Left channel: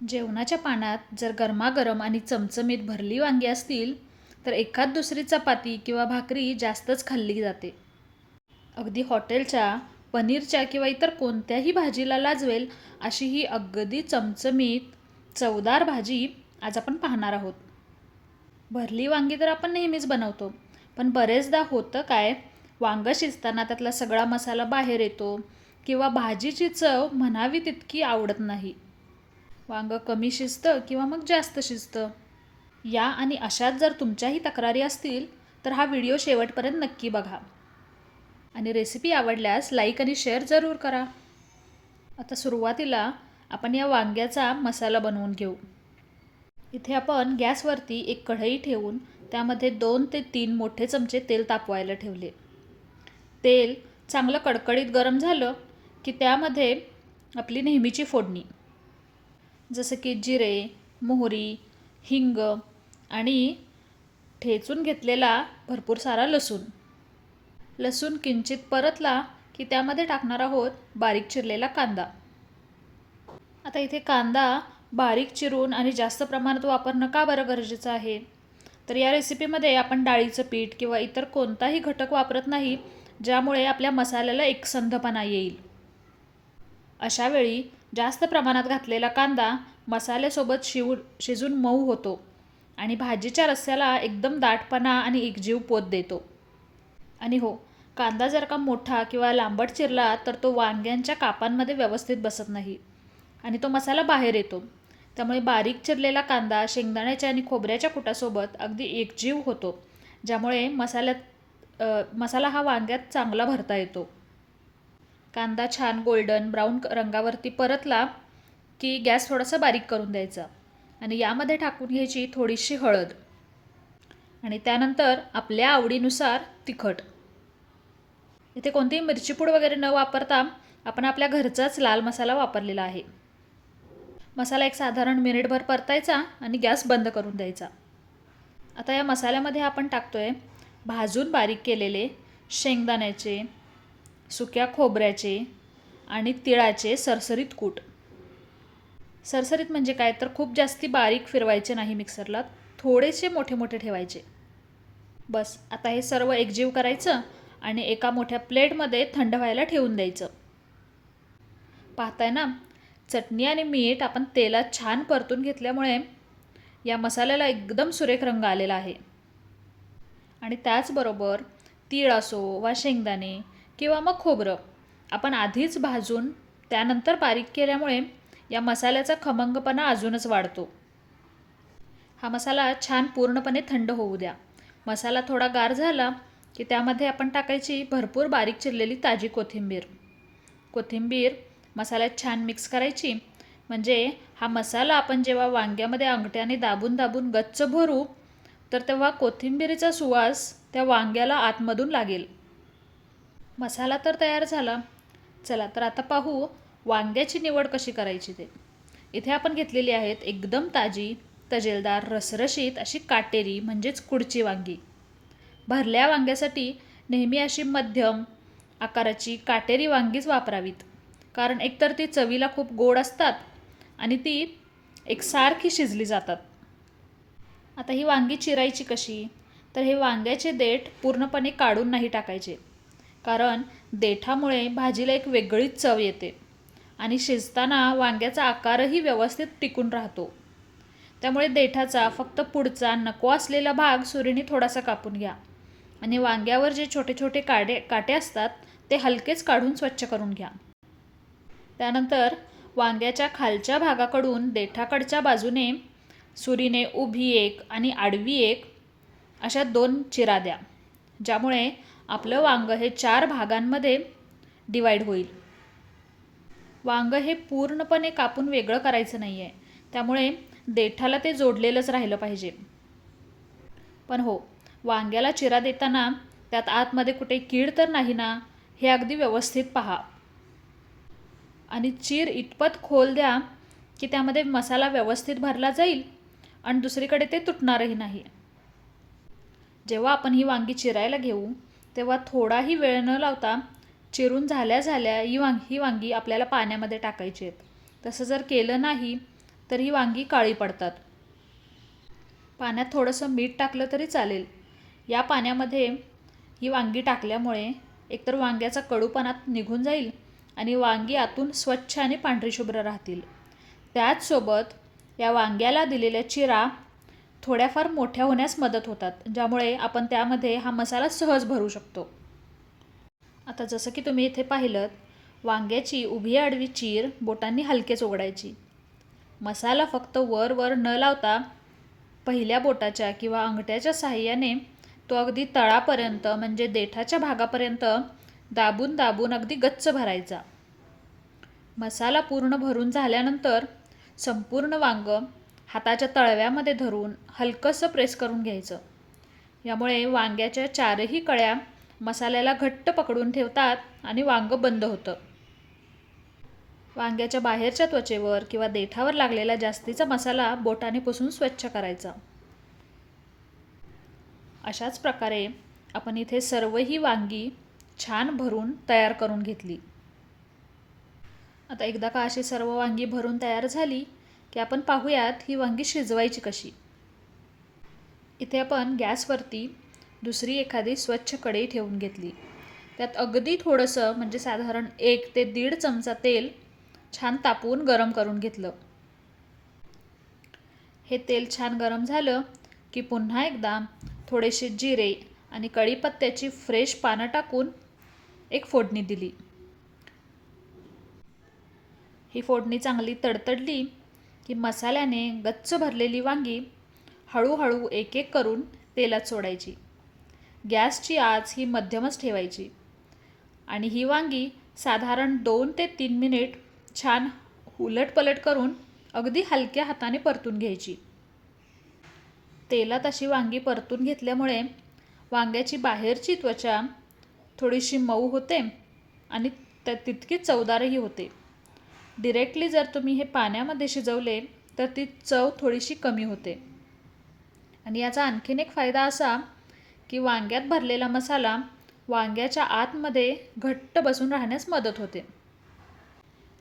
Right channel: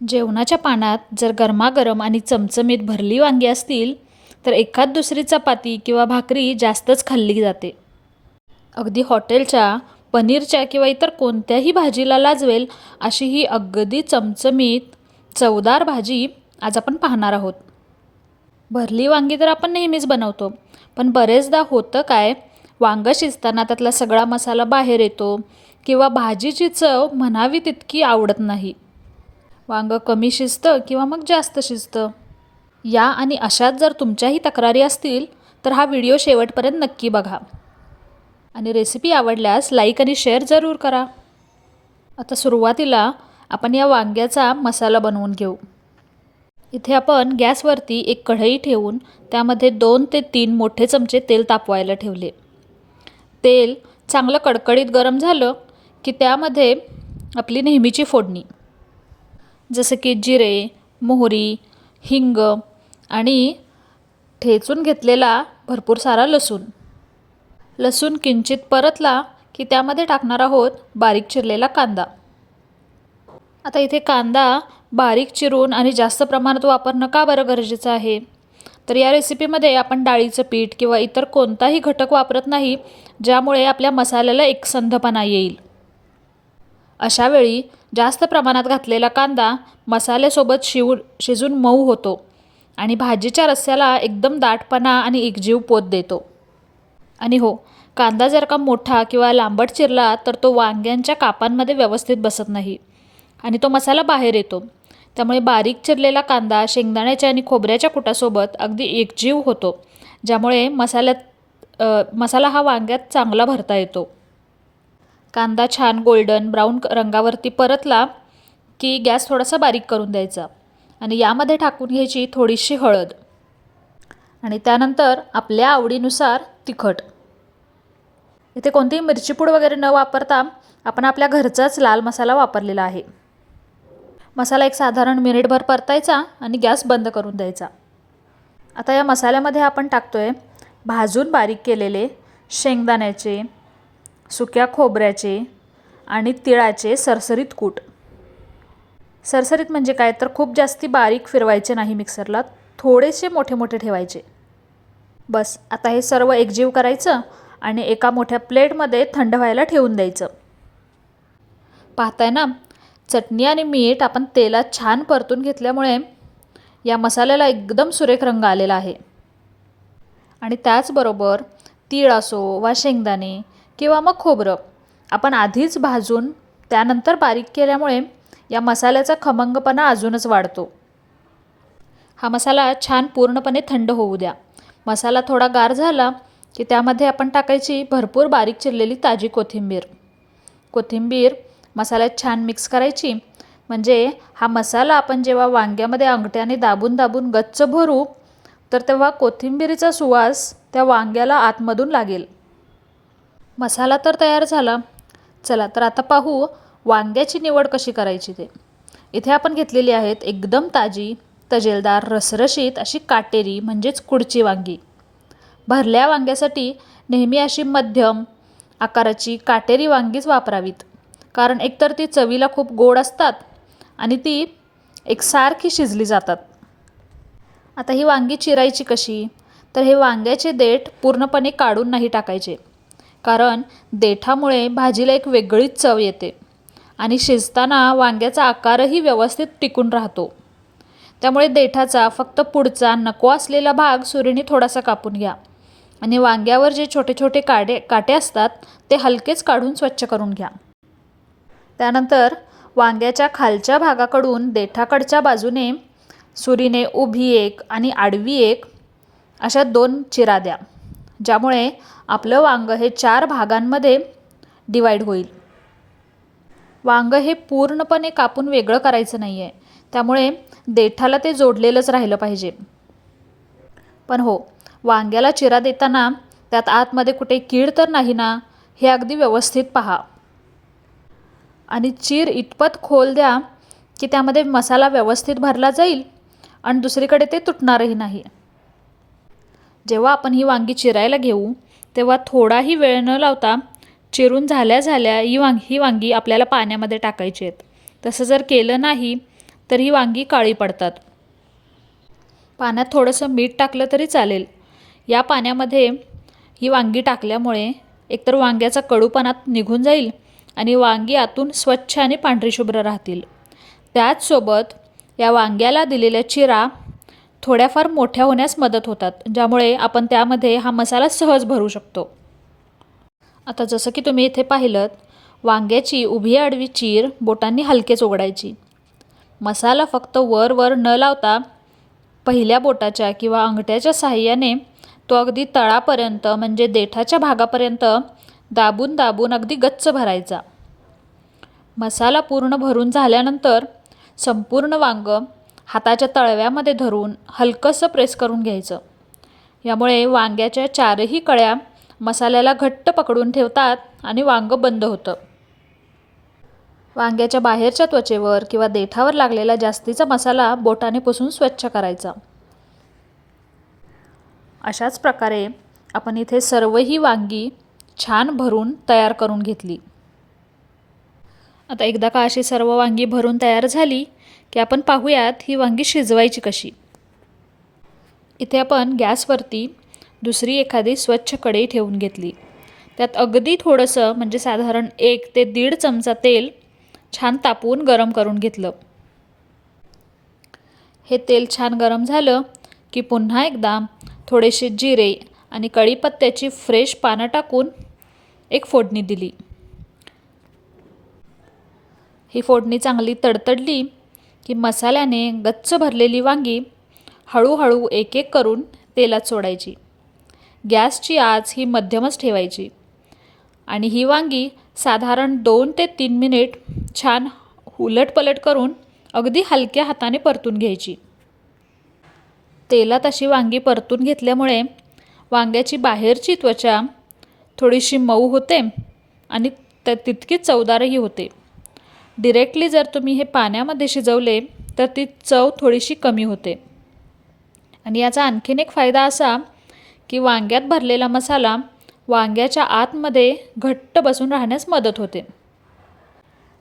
जेवणाच्या पानात जर गरमागरम आणि चमचमीत भरली वांगी असतील तर एखाद दुसरी चपाती किंवा भाकरी जास्तच खाल्ली जाते. अगदी हॉटेलच्या पनीरच्या किंवा इतर कोणत्याही भाजीला लाजवेल अशी ही अगदी चमचमीत चवदार भाजी आज आपण पाहणार आहोत. भरली वांगी तर आपण नेहमीच बनवतो, पण बरेचदा होतं काय, वांगं शिजताना त्यातला सगळा मसाला बाहेर येतो किंवा भाजीची चव म्हणावी तितकी आवडत नाही. वांगं कमी शिजतं किंवा मग जास्त शिजतं. या आणि अशात जर तुमच्याही तक्रारी असतील तर हा व्हिडिओ शेवटपर्यंत नक्की बघा आणि रेसिपी आवडल्यास लाईक आणि शेअर जरूर करा. आता सुरुवातीला आपण या वांग्याचा मसाला बनवून घेऊ. इथे आपण गॅसवरती एक कढई ठेवून त्यामध्ये 2 ते 3 मोठे चमचे तेल तापवायला ठेवले. तेल चांगलं कडकडीत गरम झालं की त्यामध्ये आपली नेहमीची फोडणी, जसं की जिरे, मोहरी, हिंग आणि ठेचून घेतलेला भरपूर सारा लसूण. लसूण किंचित परतला की त्यामध्ये टाकणार आहोत बारीक चिरलेला कांदा. आता इथे कांदा बारीक चिरून आणि जास्त प्रमाणात वापरणं का बरं गरजेचं आहे, तर या रेसिपीमध्ये आपण डाळीचं पीठ किंवा इतर कोणताही घटक वापरत नाही ज्यामुळे आपल्या मसाल्याला एकसंधपणा येईल. अशावेळी जास्त प्रमाणात घातलेला कांदा मसाल्यासोबत शिजून मऊ होतो आणि भाजीच्या रस्स्याला एकदम दाटपणा आणि एकजीव पोत देतो. आणि हो, कांदा जर का मोठा किंवा लांबट चिरला तर तो वांग्यांच्या कापांमध्ये व्यवस्थित बसत नाही आणि तो मसाला बाहेर येतो. त्यामुळे बारीक चिरलेला कांदा शेंगदाण्याच्या आणि खोबऱ्याच्या कुटासोबत अगदी एकजीव होतो, ज्यामुळे मसाला हा वांग्यात चांगला भरता येतो. कांदा छान गोल्डन ब्राऊन रंगावरती परतला की गॅस थोडासा बारीक करून द्यायचा आणि यामध्ये टाकून घ्यायची थोडीशी हळद आणि त्यानंतर आपल्या आवडीनुसार तिखट. इथे कोणतीही मिरची पूड वगैरे न वापरता आपण आपल्या घरचाच लाल मसाला वापरलेला आहे. मसाला एक साधारण मिनिटभर परतायचा आणि गॅस बंद करून द्यायचा. आता या मसाल्यामध्ये आपण टाकतोय भाजून बारीक केलेले शेंगदाण्याचे, सुक्या खोबऱ्याचे आणि तिळाचे सरसरीत कूट. सरसरीत म्हणजे काय, तर खूप जास्ती बारीक फिरवायचे नाही मिक्सरला, थोडेसे मोठे मोठे ठेवायचे. बस आता हे सर्व एकजीव करायचं आणि एका मोठ्या प्लेटमध्ये थंड व्हायला ठेवून द्यायचं. पाहताय ना, चटणी आणि मीठ आपण तेलात छान परतून घेतल्यामुळे या मसाल्याला एकदम सुरेख रंग आलेला आहे. आणि त्याचबरोबर तीळ असो वा शेंगदाणे किंवा मग खोबरं आपण आधीच भाजून त्यानंतर बारीक केल्यामुळे या मसाल्याचा खमंगपणा अजूनच वाढतो. हा मसाला छान पूर्णपणे थंड होऊ द्या. मसाला थोडा गार झाला की त्यामध्ये आपण टाकायची भरपूर बारीक चिरलेली ताजी कोथिंबीर मसाल्यात छान मिक्स करायची. म्हणजे हा मसाला आपण जेव्हा वांग्यामध्ये अंगठ्याने दाबून दाबून गच्च भरू तर तेव्हा कोथिंबीरीचा सुवास त्या वांग्याला आतमधून लागेल. मसाला तर तयार झाला. चला तर आता पाहू वांग्याची निवड कशी करायची ते. इथे आपण घेतलेली आहेत एकदम ताजी, तजेलदार, रसरशीत अशी काटेरी म्हणजेच कुडची वांगी. भरल्या वांग्यासाठी नेहमी अशी मध्यम आकाराची काटेरी वांगीच वापरावीत, कारण एकतर ती चवीला खूप गोड असतात आणि ती एकसारखी शिजली जातात. आता ही वांगी चिरायची कशी, तर हे वांग्याचे देठ पूर्णपणे काढून नाही टाकायचे, कारण देठामुळे भाजीला एक वेगळीच चव येते आणि शिजताना वांग्याचा आकारही व्यवस्थित टिकून राहतो. त्यामुळे देठाचा फक्त पुढचा नको असलेला भाग सुरीने थोडासा कापून घ्या आणि वांग्यावर जे छोटे छोटे काटे असतात ते हलकेच काढून स्वच्छ करून घ्या. त्यानंतर वांग्याच्या खालच्या भागाकडून देठाकडच्या बाजूने सुरीने उभी एक आणि आडवी एक अशा 2 चिरा द्या, ज्यामुळे आपलं वांगं हे 4 भागांमध्ये डिवाईड होईल. वांगं हे पूर्णपणे कापून वेगळं करायचं नाही आहे, त्यामुळे देठाला ते जोडलेलंच राहिलं पाहिजे. पण हो, वांग्याला चिरा देताना त्यात आतमध्ये कुठे कीड तर नाही ना, हे अगदी व्यवस्थित पहा आणि चीर इतपत खोल द्या की त्यामध्ये मसाला व्यवस्थित भरला जाईल आणि दुसरीकडे ते तुटणारही नाही. जेव्हा आपण ही वांगी चिरायला घेऊ तेव्हा थोडाही वेळ न लावता चिरून झाल्या ही वांगी आपल्याला पाण्यामध्ये टाकायची आहेत. तसं जर केलं नाही तर ही वांगी काळी पडतात. पाण्यात थोडंसं मीठ टाकलं तरी चालेल. या पाण्यामध्ये ही वांगी टाकल्यामुळे एकतर वांग्याचा कडूपणा निघून जाईल आणि वांगी आतून स्वच्छ आणि पांढरी शुभ्र राहतील. त्याचसोबत या वांग्याला दिलेल्या चिरा थोड्याफार मोठ्या होण्यास मदत होतात, ज्यामुळे आपण त्यामध्ये हा मसाला सहज भरू शकतो. आता जसं की तुम्ही इथे पाहिलं, वांग्याची उभी आडवी चीर बोटांनी हलकेच उघडायची. मसाला फक्त वर न लावता पहिल्या बोटाच्या किंवा अंगठ्याच्या साहाय्याने तो अगदी तळापर्यंत म्हणजे देठाच्या भागापर्यंत दाबून दाबून अगदी गच्च भरायचा. मसाला पूर्ण भरून झाल्यानंतर संपूर्ण वांगं हाताच्या तळव्यामध्ये धरून हलकंसं प्रेस करून घ्यायचं. यामुळे वांग्याच्या चारही कळ्या मसाल्याला घट्ट पकडून ठेवतात आणि वांगं बंद होतं. वांग्याच्या बाहेरच्या त्वचेवर किंवा देठावर लागलेला जास्तीचा मसाला बोटाने पुसून स्वच्छ करायचा. अशाच प्रकारे आपण इथे सर्वही वांगी छान भरून तयार करून घेतली. आता एकदा का अशी सर्व वांगी भरून तयार झाली की आपण पाहूयात ही वांगी शिजवायची कशी. इथे आपण गॅसवरती दुसरी एखादी स्वच्छ कढई ठेवून घेतली. त्यात अगदी थोडंसं म्हणजे साधारण 1 ते 1.5 चमचा तेल छान तापवून गरम करून घेतलं. हे तेल छान गरम झालं की पुन्हा एकदा थोडेसे जिरे आणि कढीपत्त्याची फ्रेश पानं टाकून एक फोडणी दिली. ही फोडणी चांगली तडतडली की मसाल्याने गच्च भरलेली वांगी हळूहळू एक एक करून तेलात सोडायची. गॅसची आच ही मध्यमच ठेवायची आणि ही वांगी साधारण 2 ते 3 मिनिट छान उलटपलट करून अगदी हलक्या हाताने परतून घ्यायची. तेलात अशी वांगी परतून घेतल्यामुळे वांग्याची बाहेरची त्वचा थोडीशी मऊ होते आणि तितकीच चवदारही होते. डिरेक्टली जर तुम्ही हे पाण्यामध्ये शिजवले तर ती चव थोडीशी कमी होते. आणि याचा आणखीन एक फायदा असा की वांग्यात भरलेला मसाला वांग्याच्या आतमध्ये घट्ट बसून राहण्यास मदत होते.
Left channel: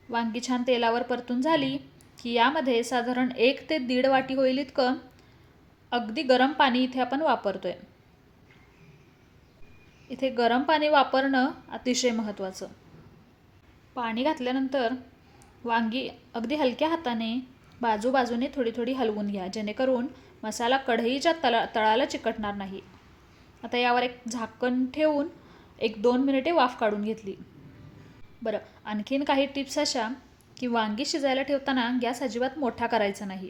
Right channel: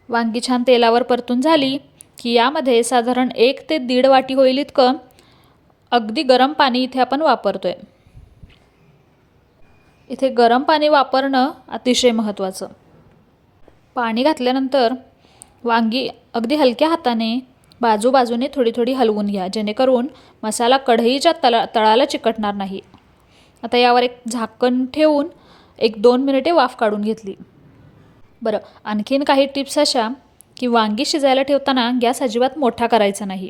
वांगी छान तेलावर परतून झाली की यामध्ये साधारण 1 ते 1.5 वाटी होईल इतकं अगदी गरम पाणी इथे आपण वापरतोय. इथे गरम पाणी वापरणं अतिशय महत्त्वाचं. पाणी घातल्यानंतर वांगी अगदी हलक्या हाताने बाजूबाजूने थोडी थोडी हलवून घ्या, जेणेकरून मसाला कढईच्या तळाला चिकटणार नाही. आता यावर एक झाकण ठेवून 1-2 मिनिटे वाफ काढून घेतली. बरं, आणखीन काही टिप्स अशा की वांगी शिजायला ठेवताना गॅस अजिबात मोठा करायचा नाही.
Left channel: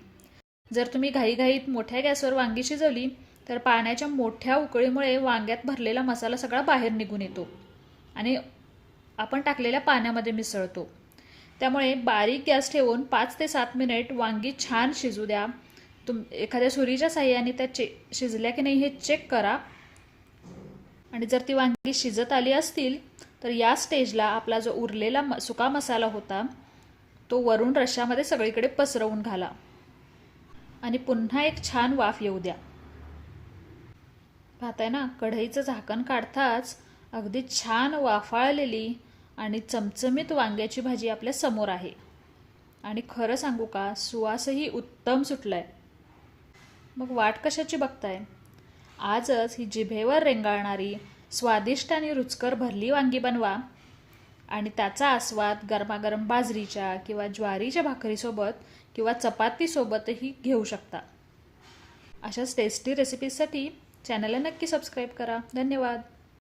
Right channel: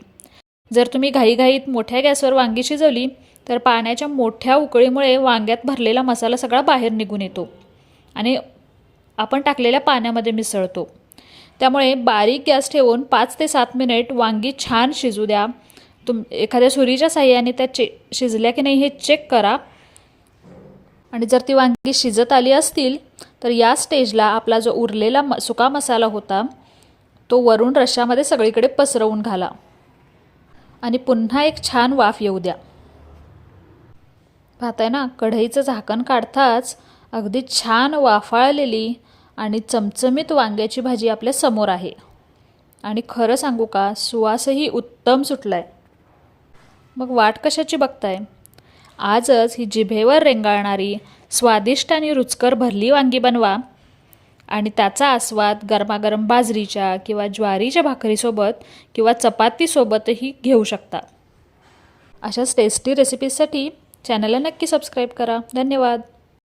जर तुम्ही घाईघाईत मोठ्या गॅसवर वांगी शिजवली तर पाण्याच्या मोठ्या उकळीमुळे वांग्यात भरलेला मसाला सगळा बाहेर निघून येतो आणि आपण टाकलेल्या पाण्यामध्ये मिसळतो. त्यामुळे बारीक गॅस ठेवून 5 ते 7 मिनिट वांगी छान शिजू द्या. एखाद्या सुरीच्या साहाय्याने त्या शिजल्या की नाही हे चेक करा. आणि जर ती वांगी शिजत आली असतील तर या स्टेजला आपला जो उरलेला सुका मसाला होता तो वरून रश्श्यामध्ये सगळीकडे पसरवून घाला आणि पुन्हा एक छान वाफ येऊ द्या. पाहताय ना, कढईचं झाकण काढताच अगदी छान वाफाळलेली आणि चमचमीत वांग्याची भाजी आपल्या समोर आहे. आणि खरं सांगू का, सुवासही उत्तम सुटलाय. मग वाट कशाची बघताय? आजच ही जिभेवर रेंगाळणारी स्वादिष्ट आणि रुचकर भरली वांगी बनवा आणि त्याचा आस्वाद गरमागरम बाजरीच्या किंवा ज्वारीच्या भाकरीसोबत किंवा चपातीसोबतही घेऊ शकता. अशाच टेस्टी रेसिपीजसाठी चॅनलला नक्की सबस्क्राईब करा. धन्यवाद.